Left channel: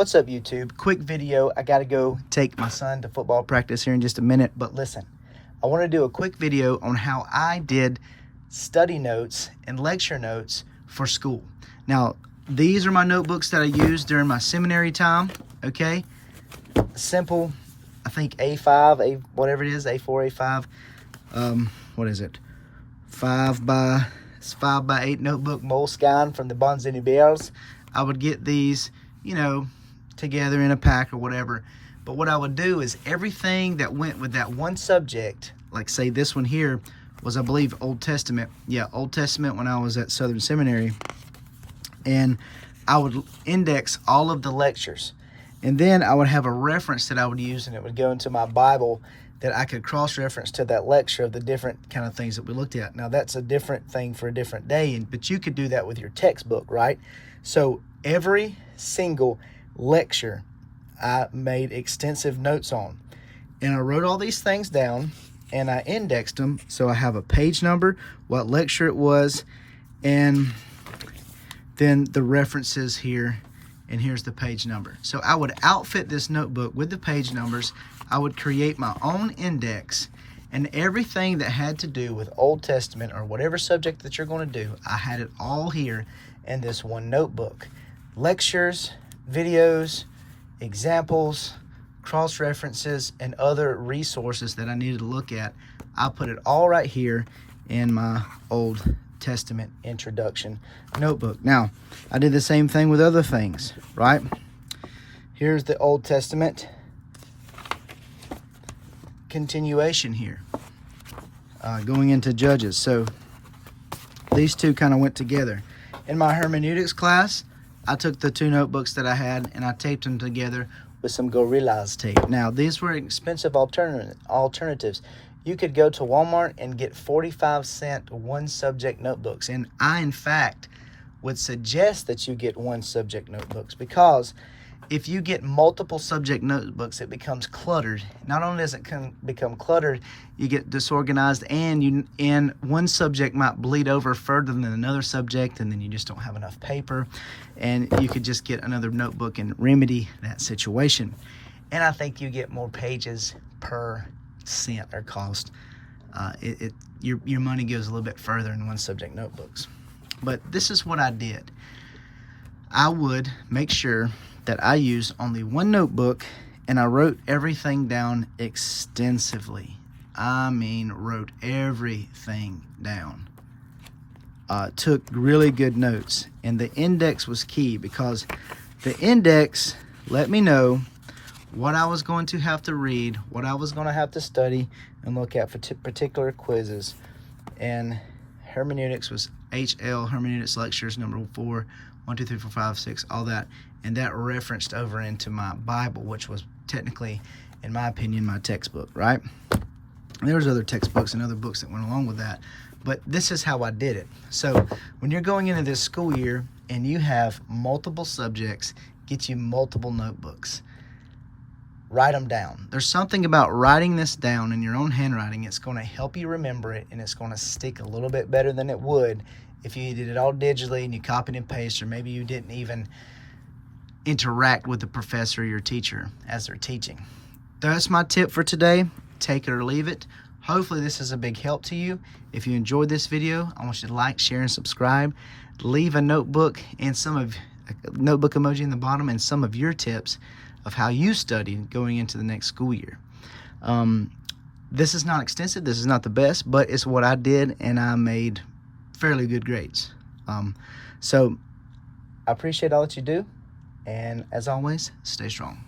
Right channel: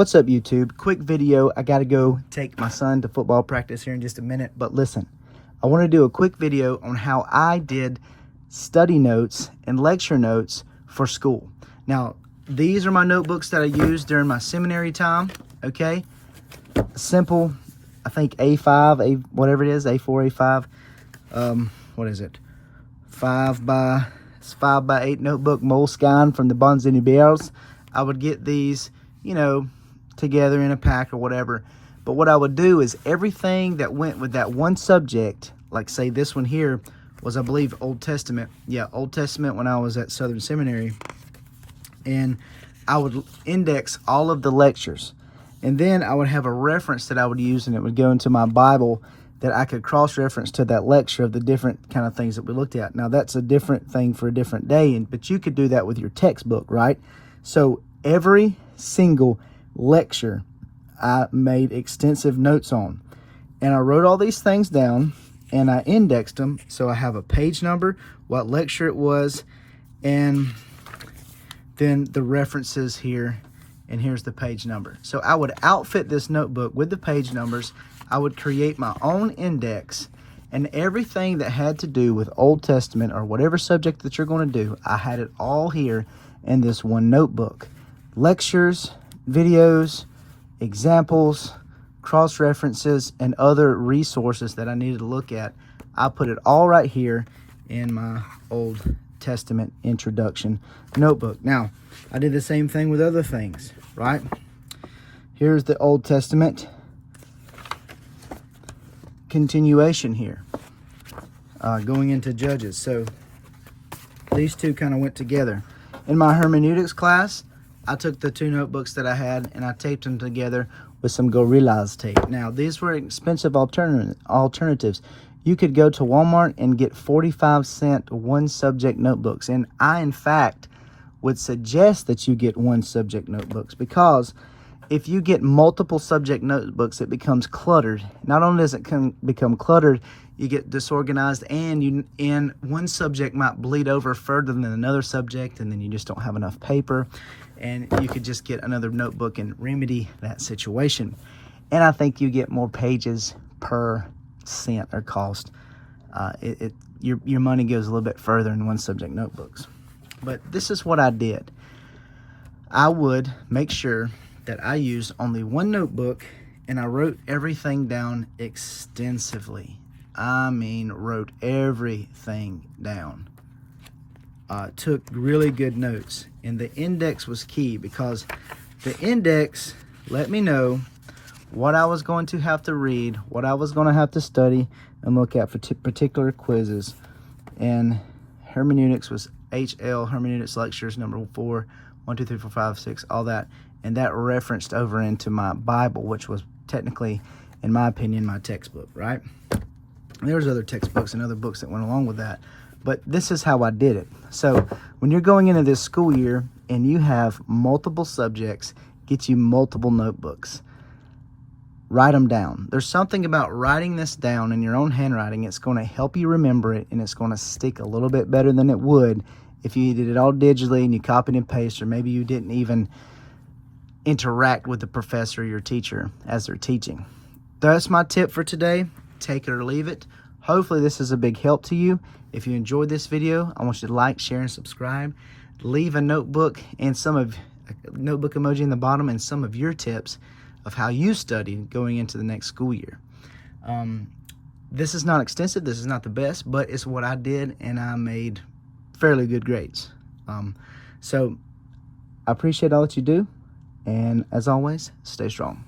What's up, YouTube? Quick video. I gotta go take my son to football practice here in just a minute, but listen, I want to do a quick video on how I did study notes and lecture notes for school. Now, these are my notebooks that I used during my seminary time, okay? Simple, I think A5, whatever it is, A4, A5, what is it? 5 by 8 notebook Moleskine from the Bonds Universals. I would get these, you know, together in a pack or whatever. But what I would do is everything that went with that one subject, like say this one here was, I believe, Old Testament. Yeah, Old Testament when I was at Southern Seminary. And I would index all of the lectures. And then I would have a reference that I would use, and it would go into my Bible that I could cross-reference to that lecture of the different kind of things that we looked at. Now, that's a different thing for a different day, but you could do that with your textbook, right? So every single lecture I made extensive notes on. And I wrote all these things down, and I indexed them. So I have a page number, what lecture it was, and then the references here, and here's the page number. So I would outfit this notebook with the page numbers. I would create my own index, and everything that had to do with Old Testament or whatever subject that you're going to do, I had it all here in this one notebook. Lectures, videos, examples, cross-references, and other resources that I needed to look at. I put it all right here in my Old Testament introduction notebook. Now, I did the same thing with other things, right? Here's the Old Testament continuation here, going into Judges. So these two kind of went together. In my hermeneutics class, I took the two notebooks that I had and I taped them together with some Gorillaz tape. Now, these were expensive alternatives. You could go to Walmart and get 45-cent one subject notebooks. And I, in fact, would suggest that you get one subject notebooks, because if you get multiple subject notebooks, it becomes cluttered. Not only does it become cluttered, you get disorganized, and one subject might bleed over further than another subject, and then you just don't have enough paper, and you could just get another notebook and remedy that situation. And I think you get more pages per cent or cost. Your money goes a little bit further in one subject notebooks. But this is what I did. I would make sure that I used only one notebook, and I wrote everything down extensively. I mean, wrote everything down. Took really good notes, and the index was key, because the index let me know what I was going to have to read, what I was going to have to study and look at for particular quizzes. And hermeneutics was HL, hermeneutics lectures number 4, 1, 2, 3, 4, 5, 6, all that. And that referenced over into my Bible, which was technically, in my opinion, my textbook, right? And there was other textbooks and other books that went along with that. But this is how I did it. So when you're going into this school year and you have multiple subjects, get you multiple notebooks. Write them down. There's something about writing this down in your own handwriting. It's going to help you remember it, and it's going to stick a little bit better than it would if you did it all digitally and you copied and pasted, or maybe you didn't even interact with the professor or your teacher as they're teaching. That's my tip for today. Take it or leave it. Hopefully this is a big help to you. If you enjoyed this video, I want you to like, share, and subscribe. Leave a notebook and notebook emoji in the bottom, and some of your tips of how you studied going into the next school year. This is not extensive. This is not the best, but it's what I did, and I made fairly good grades. So I appreciate all that you do. And as always, stay strong.